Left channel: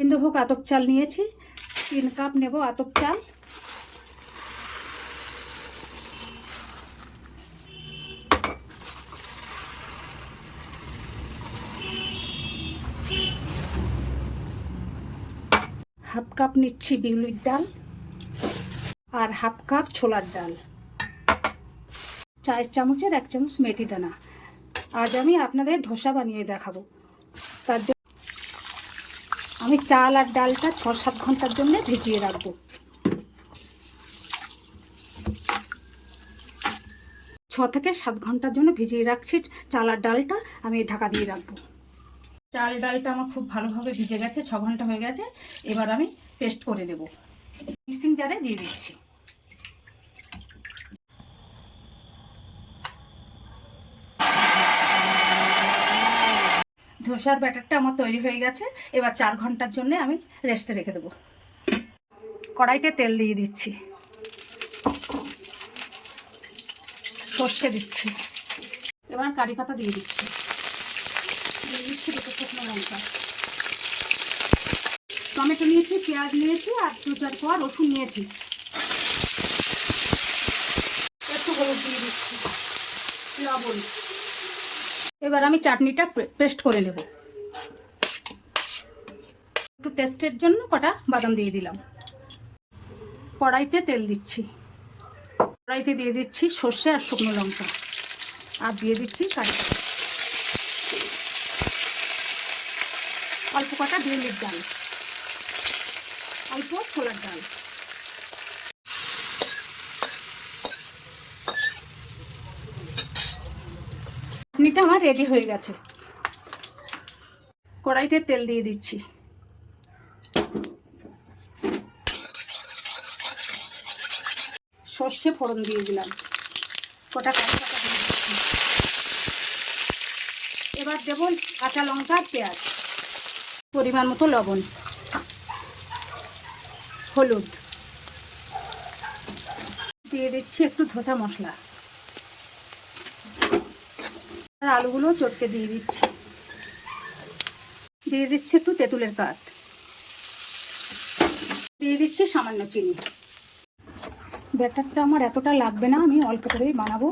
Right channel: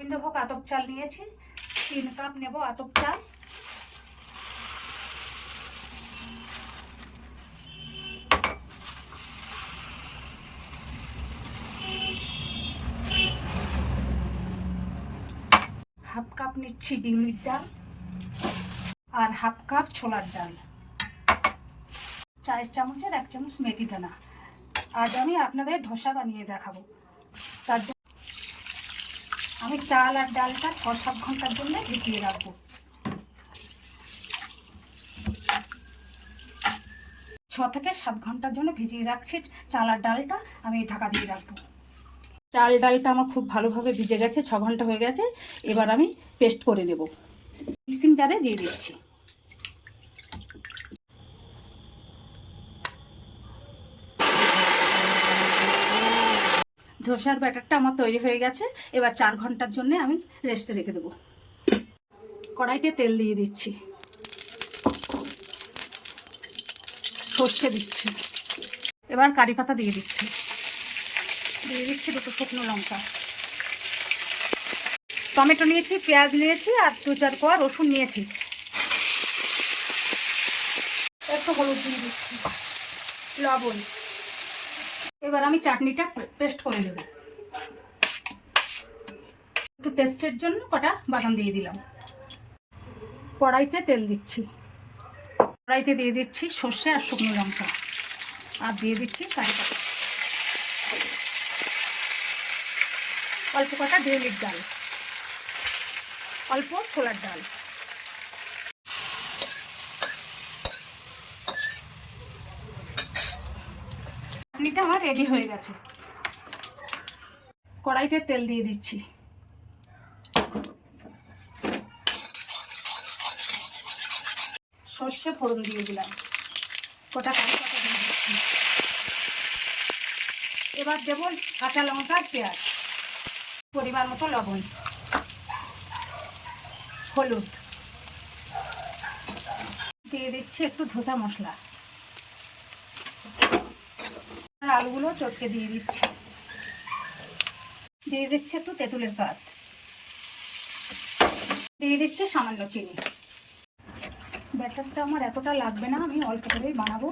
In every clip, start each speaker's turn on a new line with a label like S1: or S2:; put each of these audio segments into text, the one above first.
S1: গোবিন্দভোগ আতপ চাল নিয়েছি। তিন কাপ নেব আতপ চাল। হাফ কাপ নিচ্ছি বিউলির ডাল আর হাফ কাপ ছোলার ডাল। চায়ের চামচের এক চামচ মেথি দানা। আজ আমি আপনাদের ধোসা বানিয়ে দেখাবো। তার আমি চাল আর ডালটা ছ সাত ঘণ্টার জন্য ভিজিয়ে রাখব। ছ থেকে সাত ঘণ্টার জন্য ভিজিয়ে রাখছি চাল আর ডালটা, আমি ঢাকা দিয়ে রাখব। চাল ডালটা আমার খুব ভালোভাবে ভিজে গেছে, ছ ঘণ্টা হয়ে গেছে, এবার আমি পেস্ট করে নেব। মিক্সিং জারে দিয়ে দিচ্ছি। ধোসার ব্যাটারটা আমার তৈরি হয়ে গেছে। এবার চার ঘণ্টার জন্য আমি রেস্টে রেখে দেবো। কড়াইতে তেল দিয়ে দিচ্ছি। সর্ষে দিচ্ছি। এবার কারি পাতা দিয়ে দিচ্ছি। দিয়ে দিচ্ছি দুটো শুকনো লঙ্কা। টমেটো নিয়েছি, পেঁয়াজ নিয়েছি আর দু চার কোয়া রসুন নিয়েছি। একটু হলুদ দিয়ে দিচ্ছি। লবণ। এবার আমি চাটনিটা পেস্ট করে নেব। একটু টেস্টের জন্য কটা বাদাম দিয়ে দিলাম। কড়াইতে তেল দিচ্ছি। কড়াইতে দিয়ে দিচ্ছি সর্ষে আর শুকনো লঙ্কা। আর দিয়ে দিচ্ছি কারি অল্প কটা বিউলির ডাল। অল্প ছোলার ডাল। চাটনিটা আমার রেডি হয়ে গেছে। কড়াইতে তেল দিয়ে দিচ্ছি। সর্ষে ফোড়ন দিয়ে দিলাম। কটা এবার দেব কাঁচা লঙ্কা, পেঁয়াজ। পরিমাণ মতো লবণ। হলুদ। দিয়ে দিচ্ছি একটু ধোসা মশলা। আলুগুলো চটকে দিয়ে দিচ্ছি। দিয়ে দিচ্ছি একটু তেঁতুলের কাঠ। দিয়ে দিচ্ছি সামান্য চিনি। ব্যাটারটা আমার এতটা লাগবে না, আমি অল্প করেই বানাবো।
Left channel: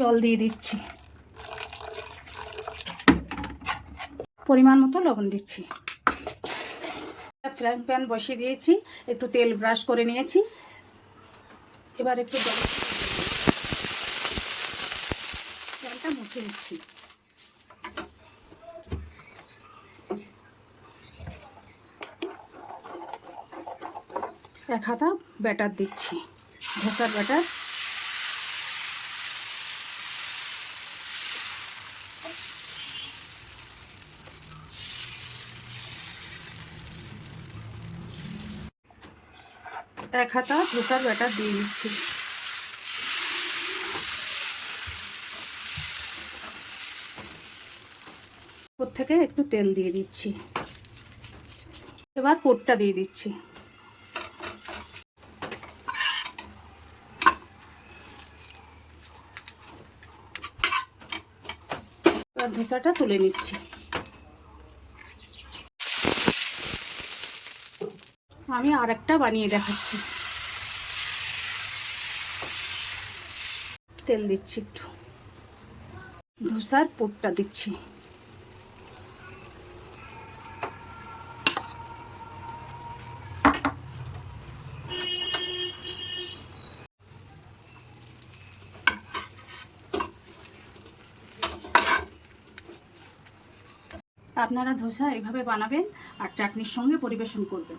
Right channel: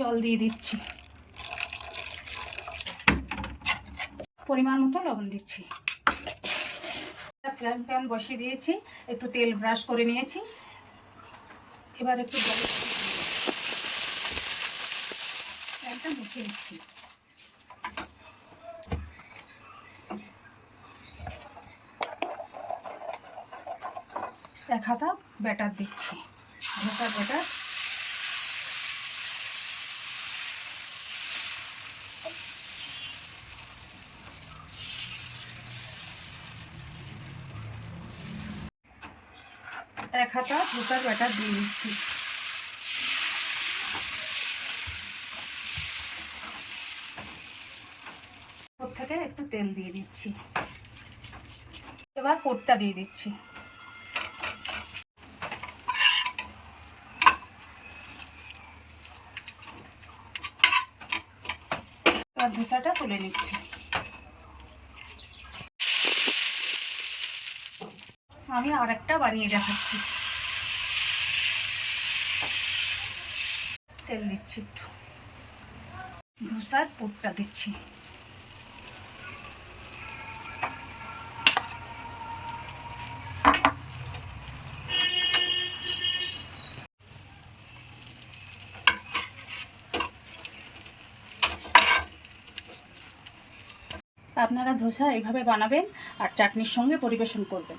S1: জল দিয়ে দিচ্ছি। পরিমাণ মতো লবণ দিচ্ছি। ফ্রাইং প্যান বসিয়ে দিয়েছি, একটু তেল ব্রাশ করে নিয়েছি। এবার একটু প্যানটা মুছে নিচ্ছি। এক হাতা ব্যাটার দিচ্ছি ধোসার ব্যাটার এক হাতা ধোসার ব্যাটার দিয়ে দিচ্ছি। থেকে একটু তেল দিয়ে দিচ্ছি। এবার পোটটা দিয়ে দিচ্ছি। ধোসাটা তুলে নিচ্ছি। আমি আর একটা বানিয়ে দেখাচ্ছি। তেল দিচ্ছি একটু। ধোসার পুরটা দিচ্ছি। আপনারা ধোসা এইভাবে বানাবেন আর চাটনির সঙ্গে পরিবেশন করবেন।